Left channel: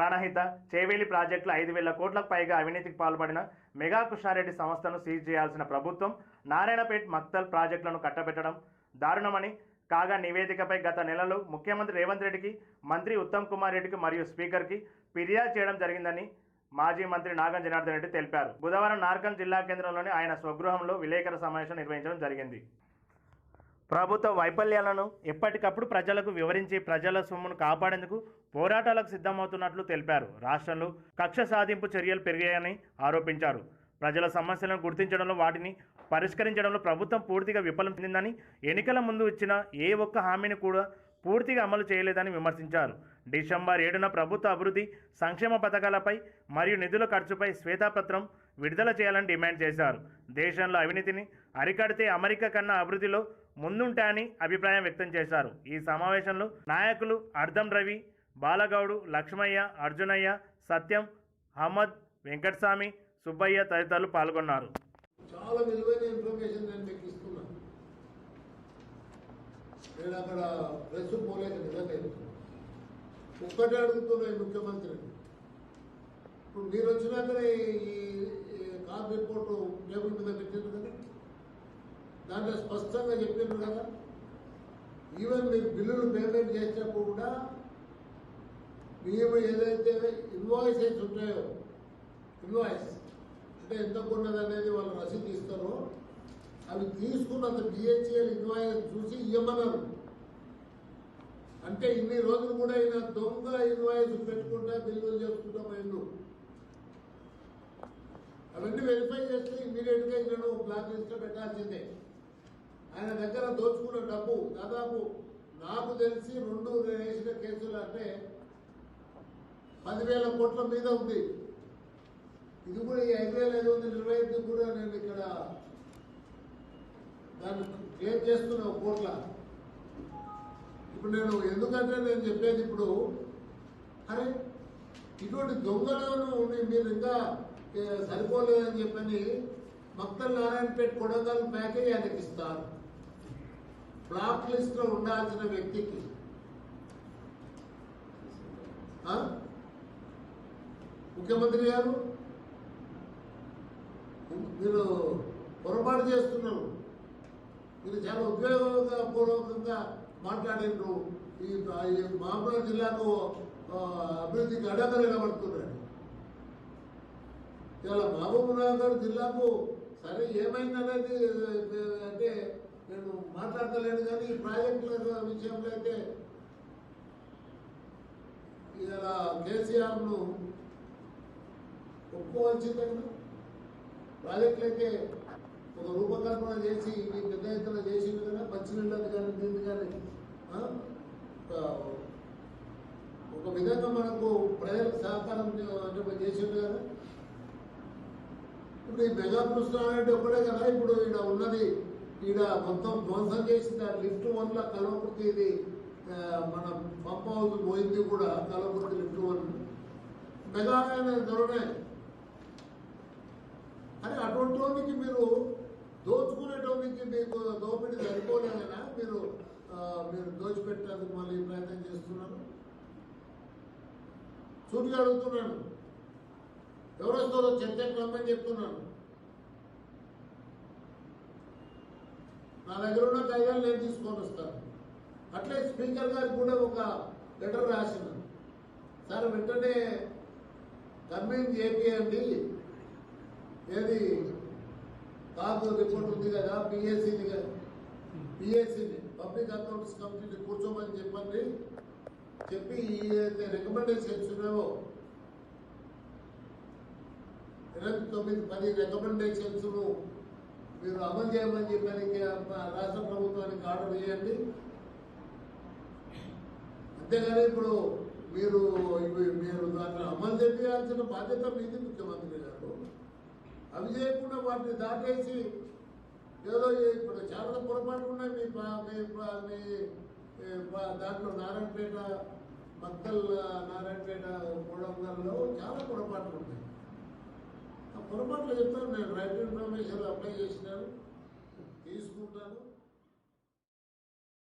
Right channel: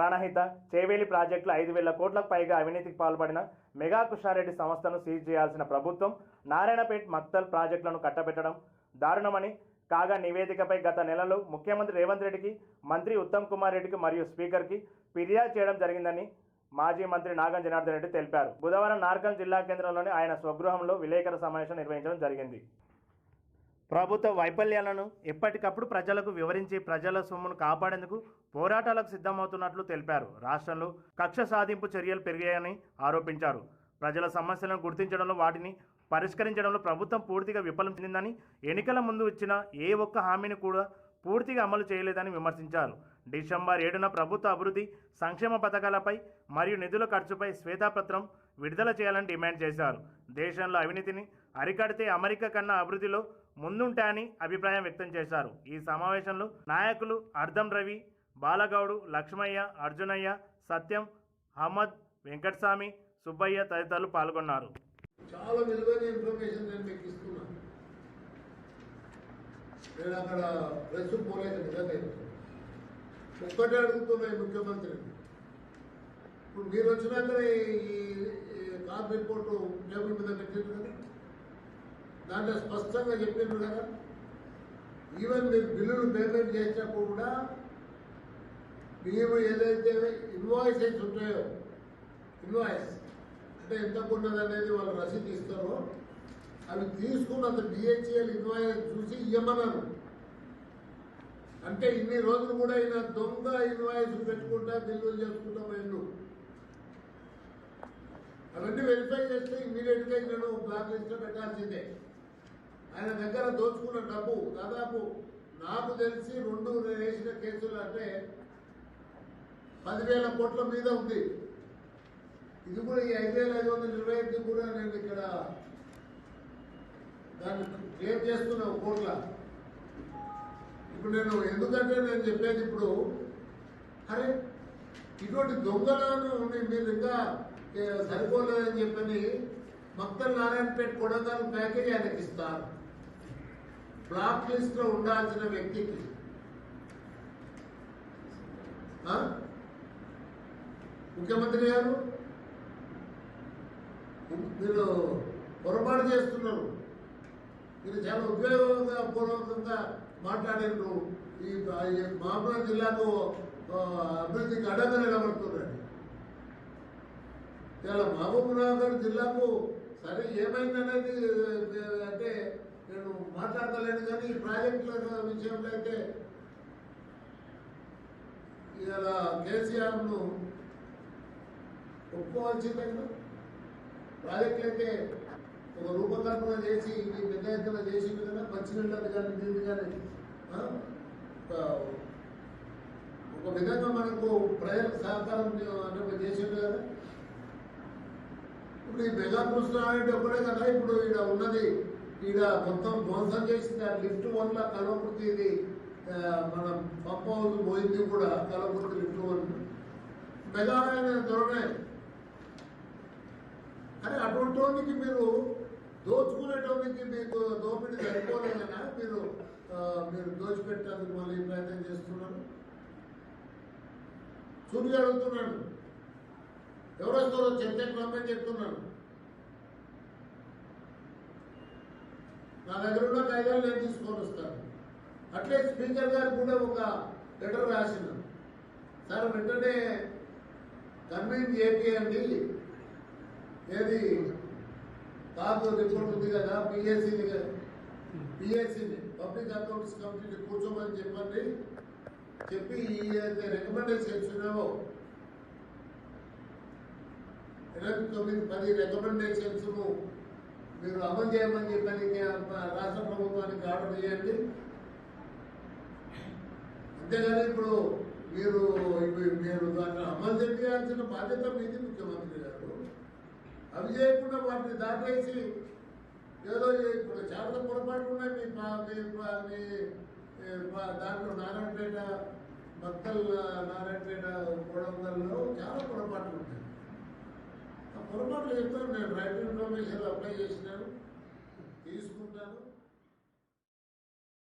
ప్రాణహిత చేవేలి ప్రాజెక్టులు ఐదు వేల కోట్లకు పైగా అవినీతికి పాల్పడిన మెగా కృష్ణారెడ్డి సంస్థను సీజ్ చేయాల్సిన ప్రభుత్వం నారాయణపేట్ మక్తల్ ప్రాజెక్టులను కట్టబెట్టడం దారుణమని కాగా నివేదికపై గత నెలలో ముఖ్యమంత్రి రేవంత్ రెడ్డికి మంత్రి ఉత్తమ్ కుమార్ రెడ్డికి మరియు స్పీకర్కి ఫిర్యాదు చేయడం జరిగిందని మాజీ మంత్రి నాగం జనార్దన్ రెడ్డి తెలిపారు. బుధవారం నార్కల్ జిల్లా కేంద్రంలోని ఆయన స్వగృహంలో విలేకరుల సమావేశం నిర్వహించడం జరిగింది. ప్రభుత్వ వైఫల్యాలను ఎప్పటికప్పుడు ప్రజలకు వివరించి ప్రజల సొమ్మును కాపాడేందుకు పోరాటాలకు సిద్ధమవుతున్నట్లు తెలిపారు. రాష్ట్రంలో కక్ష సాధింపు చర్యలు పెరిగాయని ఆరోపించారు. ప్రజల సమస్యలను గుర్తించడంలో వాటిని పరిష్కరించడంలో ప్రభుత్వం పూర్తిగా విఫలం చెందిందని ఎన్నికల ముందు ఇచ్చిన ఏ ఒక్క హామీని కూడా పూర్తిగా అమలు చేయలేదని విమర్శించారు. డిసెంబర్ ఏడున ప్రభుత్వ అభివృద్ధి సంక్షేమ పథకాలపై మరియు నిధుల ఖర్చుపై శ్వేతాపత్రం విడుదల చేయాలని డిమాండ్ చేశారు. దేశంలో అవినీతిని అరికడితే అమెరికా కన్నా అభివృద్ధిలో ముందుంటాయని అభిప్రాయం వ్యక్తం చేశారు. ఈ సమావేశంలో నాయకులు అర్ధం రవి బాలగౌడు లక్ష్మయ్య అర్జునయ్య సత్యం అహ్మద్ వెంకటస్వామి సుబ్బయ్య తదితరులు పాల్గొన్నారు. చాలా విలువైన ఇన్ఫర్మేషన్ నేను మీకు ఇస్తున్నాను నేను అక్కడ ప్రెస్ పోలేదు నిజంగా. ఒక్కటే అడుగుతున్నాయి ఈ ముఖ్యమంత్రిని. ఇప్పుడు మీరు వచ్చినాక ఈ ఈ రిపోర్ట్ రిపోర్టు టేబుల్ మీద పెట్టిండ్రు కదా దాంట్లో స్పష్టంగా చెప్పిండ్రు కదా ఈవెన్ మీరు బిల్లులు పేమెంట్ చేసినప్పుడు కూడా మేము ఏదైతే ఇన్వాయిసెస్ ఉంటాయో ఇన్వాయిస్ అంటే ఎంత ఉన్నదనేది వాళ్ళు రసీదు ఇస్తారో అవి తీసుకున్నంత బిహెచ్ఎల్ ఇన్వాయిస్ చూసి ఇవ్వమన్నారు అంటే ఇన్ని రోజులు కూడా ఈయన దొంగ ఇన్వాయిస్ పెట్టుకుంటా బిల్లులు చేసుకుంటా పోయిండు. అవన్నీ వెరిఫై చేస్తే ఇమీడియట్గా ఈయనను బ్లాక్ లిస్ట్లో పెట్టాల్సిందే. ఆయన దగ్గర దోచుకున్న డబ్బు దాదాపు నాకు తెలిసి రెండు వేసిన కేసులు అంటే పదివేల కోట్ల మీద ఉంది. ఇది కూడా ఈ ఐదు వేల ఐదు వందల ఇరవై ఐదు కూడా నేను ఇక్కడ దాన్ని క్లియర్ చేస్తున్నా కోట్ల. ఇప్పుడు నేను ఎందుకంటే నేను చెప్పేది ఇప్పుడు అరే ఇటువంటి దొంగలను మీరు ఇంకా సరిపోలేదని చెప్పని మక్తల్ నారాయణపేట కొడంగల్ ప్యాకేజ్ ఆయనకి ఇస్తారు. బ్లాక్ లిస్ట్లో ఉండాల్సిన వ్యక్తికి. ఆ? ముఖ్యమంత్రి గారు మీరు పొరపాటు చేస్తున్నారు. మీరు చాలా ఉపయోగంగా పూర్వకంగా మాట్లాడారు ఈ ఈ జిల్లాకు అభివృద్ధికి అడగలు నిలబడుతున్నారు ఇలా మహబూబ్నగర్ జిల్లాకు సరే ఏమైందనేది అంటే నేను మాట్లాడతలేను కానీ ఈ ప్రాజెక్టుల విషయంలో అయితే ఇలా కేసీఆర్ను ఒప్పుకోవాల్సిందండి. ప్రాజెక్టులు అయితే ఒక రూపకల్పన చేసి మీ పెద్ద ఎత్తున చేసింది కదా మంచినీళ్ళని కానీ దీన్ని కానీ ఒక- విధంగా మనకు ప్రజలకు సహకారం అంటే చేసింది కదా. ఈ మెగా కృష్ణారెడ్డి ఒక్కడే కదా? ఇప్పుడు ఈడ ఉన్నది ఈడ మొత్తం ధ్వంసం చేసింది ఆ లిఫ్ట్ వల్ల కలవకృతి ఇది. మన పంప్ హౌస్ పోయింది కూడా కలవకృతి లిఫ్ట్ వన్ మెగా అనే ధోరణే అని అటువంటి మీరు దోచుకునేటోనికి మీకు దోపిడీ సరిపోలేదనా? మీరు మీరు దోచిపెట్టేందుకు మళ్ళీ ప్రయత్నం చేస్తున్నారు? సూటిగా అడుగుతున్నాను. ఎవరు వస్తారో చర్చకు రమ్మని చెప్తున్నాను. నా దగ్గర ఉన్న కాగితాలు నేను తీసుకొని వస్తాను. అట్లే స్పీకర్ గారు కూడా ఒక లెటర్ రాసినాను సార్ వెంటనే కన్వీన్ చేయండి ఏది? కాదు రిపోర్ట్ ఉంది కదా పిఎస్సిని పిఎస్సిని పబ్లిక్ అకౌంట్స్ కమిటీని కూర్చోమని చెప్పండి. చెప్పి ఏదైతే అయితే రికమెండేషన్స్ ఉన్నావో తొమ్మిది పది రికమెండేషన్స్ మీరు అమలు చేయమని చెప్పని రాష్ట్ర ప్రభుత్వానికి ఆర్డర్ చేయండి అంతేగాని ఇప్పుడు మీరు మీరు దాంట్లో అమలు చేయాల్సిన బాధ్యత మీది ముఖ్యమంత్రి గారు. అవి చేయకుండా వాటిని దాటేసి ఏదో ఇప్పుడు చాలా పొరపాటు ఉన్నాయి. మీ మీ దాంట్లో నారాయణపేట మక్కల్ నారాయణపేట కోడంగల్లో చాలా పొరపాట్లు ఉన్నాయి ఆ పొరపాట్లు చెప్తాను నేను రైట్ ఇన్ఫర్మేషన్ అప్లై చేసినాను తీసుకుంటాను.